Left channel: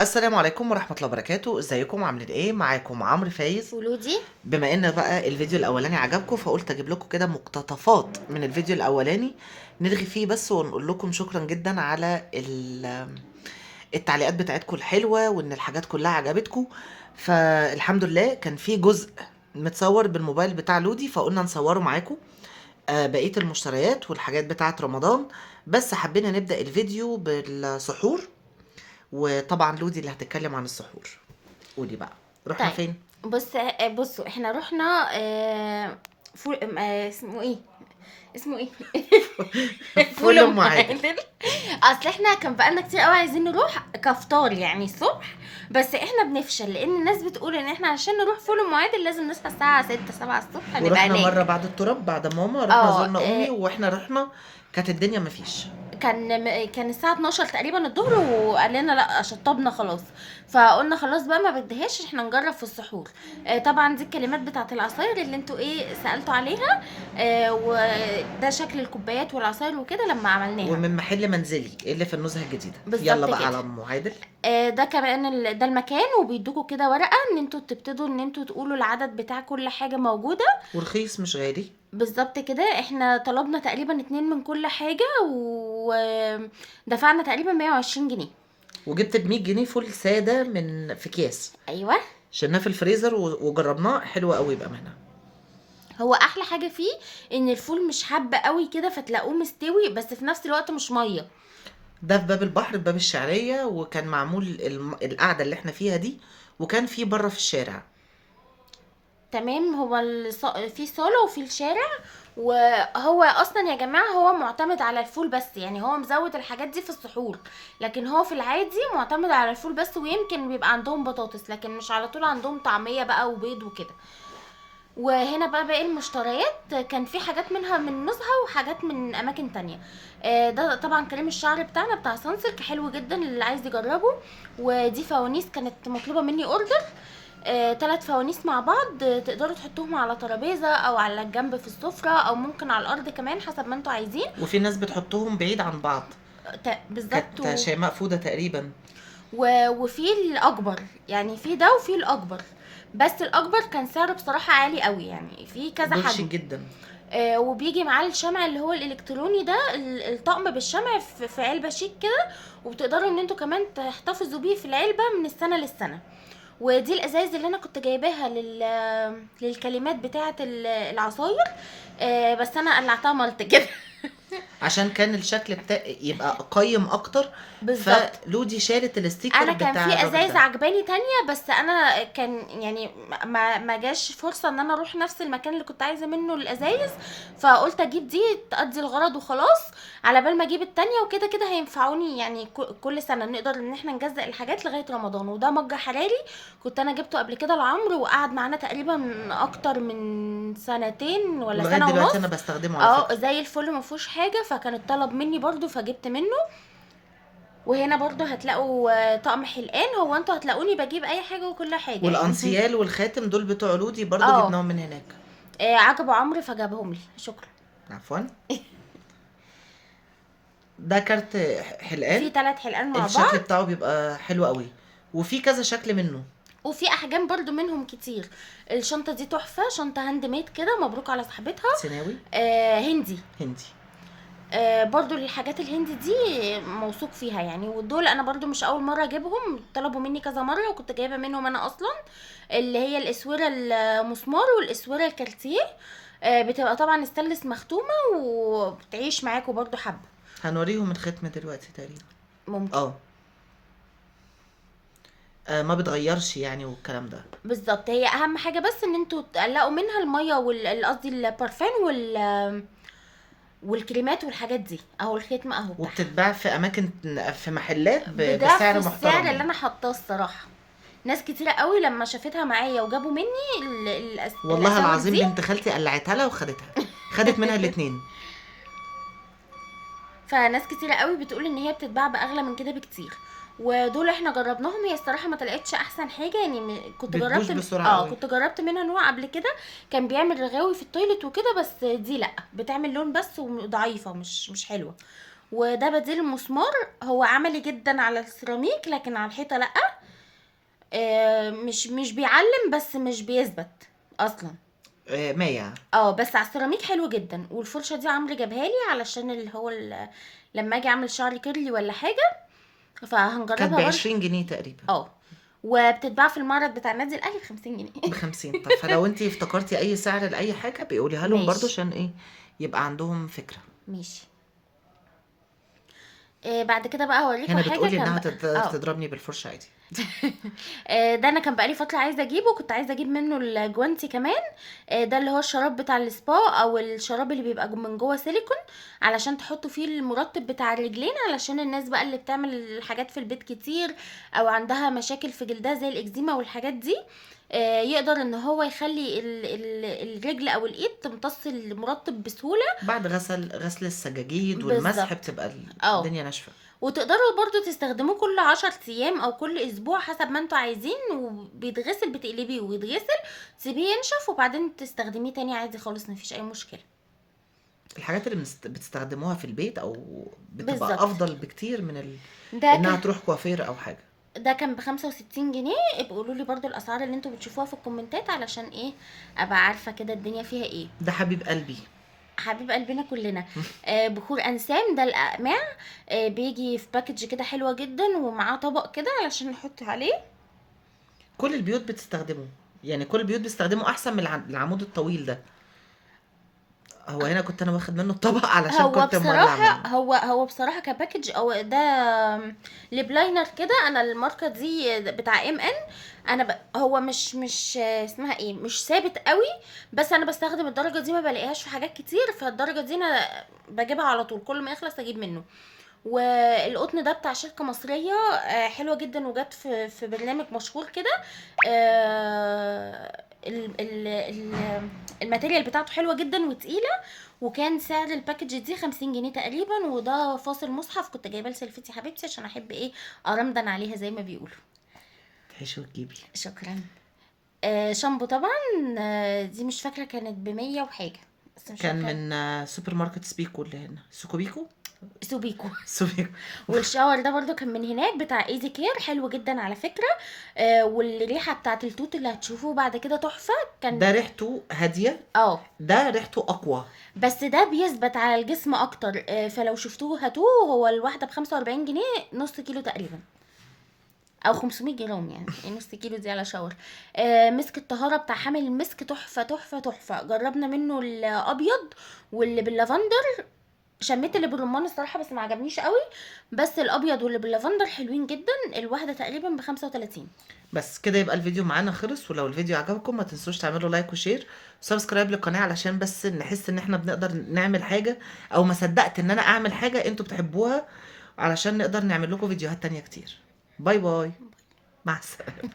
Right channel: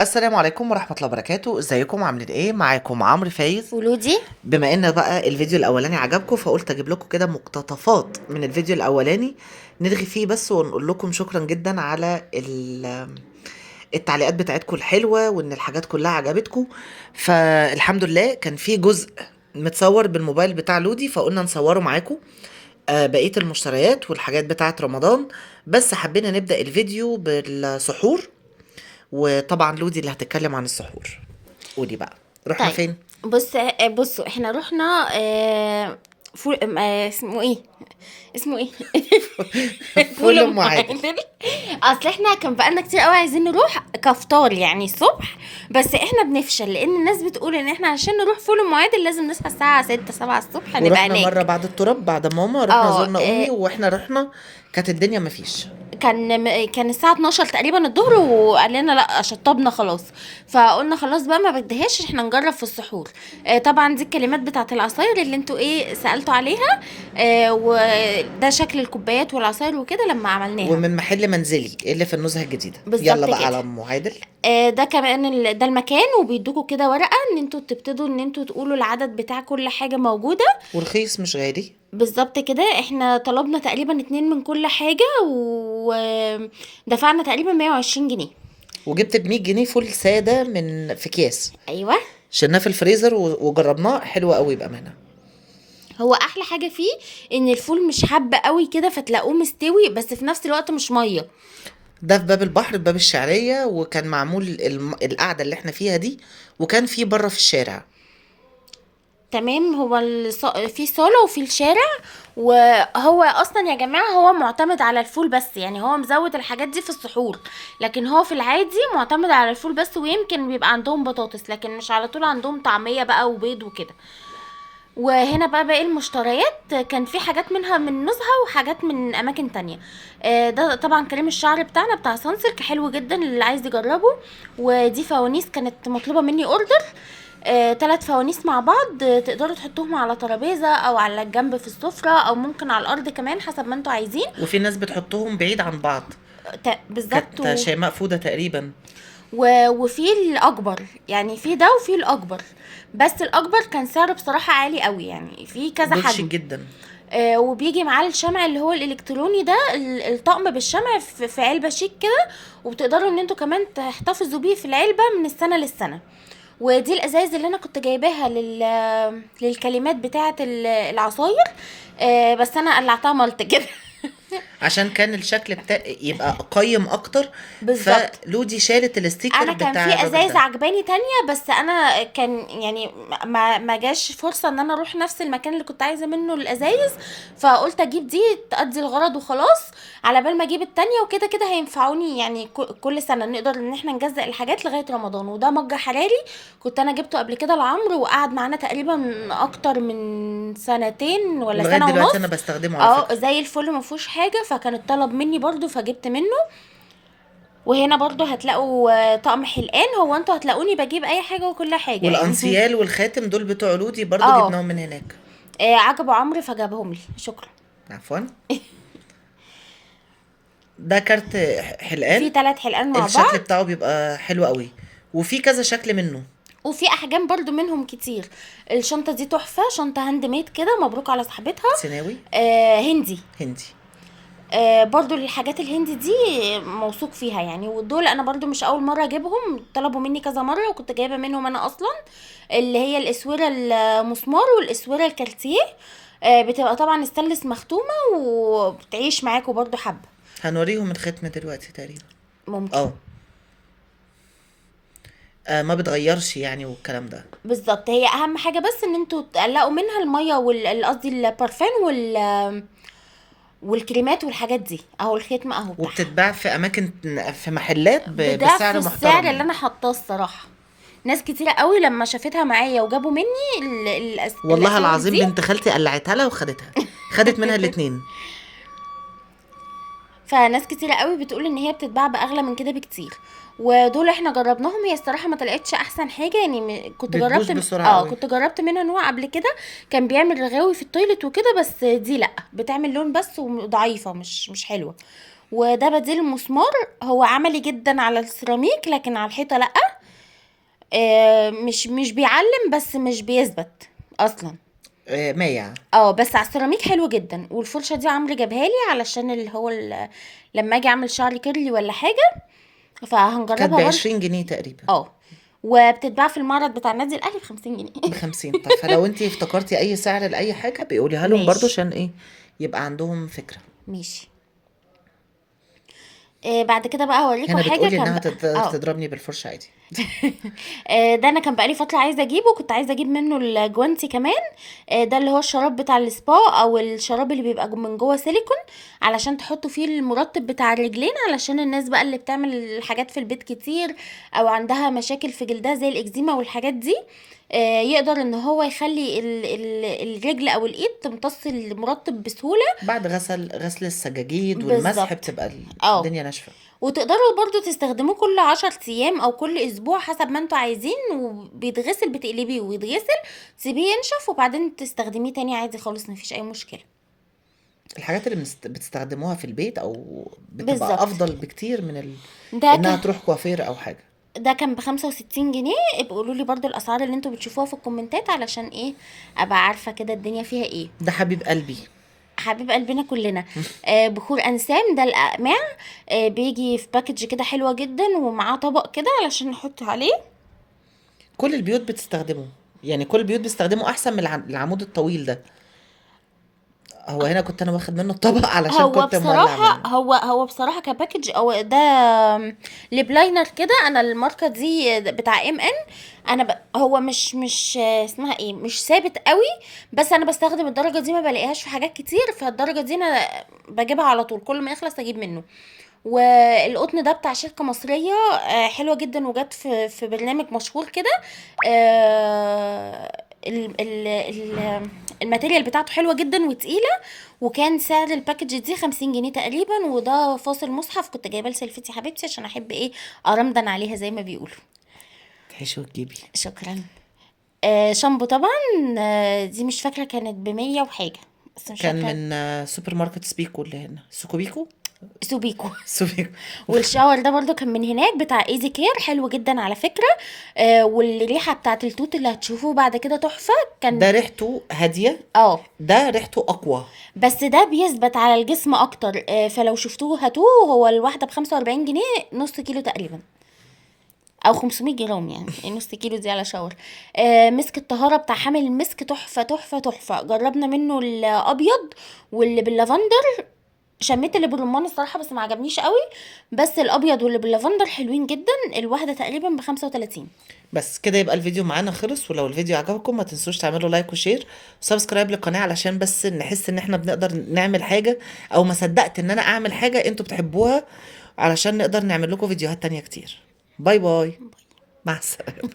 السلام عليكم ورحمة الله وبركاته، ازيكم عاملين ايه؟ معاكم عمرو فايز. ولودي. بما ان بقى الفيديو الاولاني عجبكم فقلت اجيب لكم كده مقتطفات من الفيديو الاولاني نرغي فيه بس ونقول لكم شكرا جدا على التعليقات بتاعتكم الحلوة وان الحاجات كلها عجبتكم. فالحمد لله كان في جزء متصور بالموبايل بتاع لودي فقلنا نصوره معاكم. بقية المشتريات والحاجات بتاعت رمضان. بس حبينا نبدأ الفيديو بالسحور، وطبعا لودي اللي هتتكلم عن السحور. قولي بقى، رحنا طيب، فين؟ بصوا احنا رحنا فول اسمه ايه؟ اسمه ايه؟ فول فول ام ام عادل. عادل. اصل احنا كان بقالنا كتير قوي عايزين نروح كفطار يعني الصبح، بس احنا بنفشل لان الناس بتقول ان احنا عشان نروح فول ام عادل لازم نصحى الساعه 6 7 الصبح نبقى ورحنا مرة هناك. بعد التراب بعد ماما رحنا اه زورنا امي واحنا رحنا كانت الدنيا مفيش. كان الساعة 12 تقريبا الظهر، وقال لنا لا شطبنا خلاص. فقلنا خلاص بقى ما بدهاش احنا نجرب في السحور. طبعا دي الكلمات بتاعت العصاير اللي انتوا سألتوا عليها. وده شكل الكوبايات والعصاير وكده لما عملناها. ومن محل منزلي اللي في النزهة الجديدة. يلا بالظبط بقى كده. على ام عادل. ده كمان ده المكان، وبيدوكوا كده ورقة ان انتوا تبتدوا ان انتوا تقولوا العدد بتاع كل حاجة موجودة. ورخيص مش غالي. بالظبط كده، احنا طلبنا تقريبا 2 من كل حاجة ودفعنا تقريبا 120 جنيه. وجبت ب 100 جنيه فول سادة من في اكياس. ايوه. شلناه في الفريزر وجربناه حلو قوي بأمانة. هو احلى حاجه فيه ان الفول مش حبه قوي كده فتلاقوه مستوي، بس في نفس الوقت مش ميه. ده في باب البحر في باب الشعرية، وكان معمول القعدة اللي احنا فيها دي، وكان في بره في الشارع. تمام. هو في صاله وفي الشارع. وهو اصلا يا جماعه هو معتمد على الفول بس، يعني هو مزود الحاجات دي في السحور، لكن هو في العادي معتمد على الفول بس، ويمكن بيبقى عندهم بطاطس لكن مش على طول عندهم طعميه بقى وبيض وكده. وهنا بقى باقي المشتريات كان في حاجات منها من نزهة وحاجات من اماكن تانية. ده طبعا كريم الشعر بتاعنا بتاع سانسلك حلو جدا اللي عايز يجربه. ودي فوانيس كانت مطلوبة مني اوردر. 3 فوانيس مع بعض، تقدروا تحطوهم على ترابيزة او على الجنب في السفرة او ممكن على الارض كمان حسب ما انتوا عايزين. وفي ناس بتحطهم بعيد عن بعض. بالظبط. كانت شيماء فودة تقريبا. وفي الاكبر، يعني في ده وفي الاكبر. بس الاكبر كان سعره بصراحة عالي قوي، يعني في كذا دول شيك حجم. جدا. وبيجي معاه الشمع اللي هو الالكتروني ده، الطقم بالشمع في علبه شيك كده. وبتقدروا ان انتوا كمان تحتفظوا بيه في العلبه من السنه للسنه. ودي الازايز اللي انا كنت جايباها للكلمات بتاعه العصاير. بس انا قلعتها ملط كده. عشان كان الشكل بتاع يبقى قيم اكتر. بالظبط. فلودي شالت الستيكر انا كان بتاع في الراجل ازايز ده. عجباني تانية، بس انا كان يعني ما جاش فرصة ان انا اروح نفس المكان اللي كنت عايزة منه الازايز. فقلت اجيب دي تأدي الغرض وخلاص، على بال ما اجيب التانية. وكده كده هينفعوني يعني كل سنة نقدر ان احنا نجزأ الحاجات لغاية رمضان. وده مج حراري كنت انا جبته قبل كده لعمرو، وقعد معانا تقريبا اكتر من سنتين ولا ولغايه سنة دلوقتي ونص. انا بستخدمه على اه فكره. زي الفل، ما فيهوش حاجة. فكان الطلب مني برضو فجبت منه. وهنا برضو هتلاقوا طقم حلقان. هو انتوا هتلاقوني بجيب اي حاجة وكل حاجة يعني. والانسيال والخاتم دول بتوع لودي برضو اه. جبناهم من هناك. عجبوا عمرو فجابهم لي، شكرا. عفوا. ده كارت في حلقان. 3 حلقان مع الشكل بعض. بتاعه بيبقى حلو قوي، وفي كذا شكل منه. وفي احجام برضو منهم كتير. الشنطة دي تحفة، شنطة هاند ميد كده، مبروك على صاحبتها. سيناوي. هندي. هندي. برضو الحاجات الهندي دي موثوق فيها يعني. ودول انا برضو مش اول مرة اجيبهم، طلبوا مني كذا مرة وكنت جايبة منهم انا اصلا. اللي هي الاسورة المسمار والاسورة الكارتيه. بتبقى طبعا ستانلس مختومة وبتعيش معاكوا برضو حبة. هنوريهم الختمه دلوقتي تقريبا. ممكن. اه. ما بتغيرش يعني والكلام ده. بالظبط. هي اهم حاجة بس ان انتوا تقلقوا منها المية قصدي البارفان والكريمات والحاجات دي اهو. الختم اهو بتاعها وبتتباع في اماكن، في محلات بضعف بسعر السعر محترم اللي يعني. انا حاطاه الصراحة. ناس كتيرة قوي لما شافتها معايا وجابوا مني والله الاساور العظيم دي. بنت خالتي قلعتها لها وخدتها. خدت منها الاتنين. فناس كتيرة قوي بتقول ان هي بتتباع باغلى من كده بكتير. ودول احنا جربناهم، هي الصراحه ما طلعتش احسن حاجه يعني. كنت بتبوظ جربت بسرعة قوي. كنت جربت منها نوع قبل كده. كان بيعمل رغاوي في التويلت وكده، بس دي لا بتعمل لون بس وضعيفه مش حلوه. وده بديل المسمار. هو عملي جدا على السيراميك لكن على الحيطه لا. مش بيعلم بس مش بيثبت اصلا. مايع. بس على السيراميك حلو جدا. والفرشه دي عمرو جابها لي علشان اللي هو لما اجي اعمل شعري كيرلي ولا حاجه، كانت فهنجربها برضه. ب20 جنيه تقريبا. وبتتباع في المعرض بتاع النادي الاهلي ب50 جنيه. ب50. طب فلو انتي افتكرتي اي سعر لاي حاجه بيقوليها لهم برضو، ماشي. عشان ايه يبقى عندهم فكره. ماشي. بعد كده بقى هوريكم هنا حاجه بتقولي كان انها بقى تضربني بالفرشه عادي. ده انا كان بقالي فتره عايزه اجيبه، كنت عايزه اجيب منه الجوانتي كمان. ده اللي هو الشراب بتاع السبا، او الشراب اللي بيبقى من جوه سيليكون، علشان تحطوا فيه المرطب بتاع الرجلين، علشان الناس بقى اللي بتعمل حاجات في البيت كتير او عندها مشاكل في جلدها زي الاكزيما والحاجات دي. يقدر ان هو يخلي الرجل او الايد تمتص المرطب بسهوله. بعد غسل السجاجيد والمسح بالظبط. بتبقى اه الدنيا ناشفه. وتقدروا برضو تستخدموه كل 10 ايام او كل اسبوع حسب ما انتوا عايزين، وبيتغسل، بتقلبيه ويتغسل، تسيبيه ينشف وبعدين تستخدميه تاني عادي خالص، مفيش اي مشكلة. الحاجات اللي بتستخدموها في البيت او بتبقى بالظبط. افضل بكتير من ده انها كان تروح كوافير او حاجه. ده كان ب65 جنيه. ابقوا قولوا لي برضو الاسعار اللي انتوا بتشوفوها في الكومنتات، علشان ايه ابقى عارفة كده الدنيا فيها ايه. ده حبيب قلبي. حبيب قلبنا كلنا. بخور انسام ده الاقماع. بيجي في باكج كده حلوة جدا، ومعاه طبق كده علشان نحط عليه. كل البيوت بتستخدمه، يعني كل البيوت بيستخدموا احسن من العمود الطويل ده. هو هنا كنت انا واخد منه الطبق علشان هو كنت مولع بصراحة منه. هو بصراحة كباكج او ده ليب لاينر كده. انا الماركة دي بتاع ان. هو مش اسمها ايه، مش ثابت قوي، بس انا بستخدم الدرجة دي، ما بلاقيهاش في حاجات كتير، فالدرجة دي انا بجيبها على طول، كل ما يخلص اجيب منه. والقطن ده بتاع شركة مصرية حلوة جدا، وجت في برنامج مشهور كده. آه، ال- ال- ال- الماتيريال بتاعته حلوة جدا وتقيلة. وكان سعر الباكج دي 50 جنيه تقريبا. وده فاصل مصحف كنت جايباه لسلفتي حبيبتي، عشان احب ايه ارمدن عليها زي ما بيقولوا. تحشي وتجيبي. شكرا. شامبو طبعا. دي مش فاكرة كانت ب100 وحاجة، بس مش كان فاكرة. من سوبر ماركت سبيكو اللي هنا، سوكوبيكو. سوبيكو. سوبيكو. والشاور ده برضو كان من هناك بتاع ايزي كير، حلو جدا على فكرة. والريحة بتاعت التوت اللي هتشوفوه بعد كده تحفة. ده كان ريحته هاديه، اه ده ريحته اقوى. بس ده بيثبت على الجسم اكتر. فلو شفتوه هاتوه. هو الواحدة ب45 جنيه، نص كيلو تقريبا، او 500 جرام، يعني نص كيلو دي على شاور. مسك الطهارة بتاع حامل المسك تحفة تحفة تحفة. جربنا منه الابيض واللي باللافندر. شميت اللي بالرمان الصراحة بس ما عجبنيش قوي. بس الابيض واللي باللافندر حلوين جدا. الواحدة تقريبا ب35. بس كده يبقى الفيديو معانا خلص. ولو الفيديو عجبكم ما تنسوش تعملوا لايك وشير وسبسكرايب للقناة، علشان بس نحس ان احنا بنقدر نعمل حاجة، او ما صدقت ان انا اعمل حاجة انتوا بتحبوها، علشان نقدر نعمل لكم فيديوهات تانية كتير. باي باي. مع السلامة.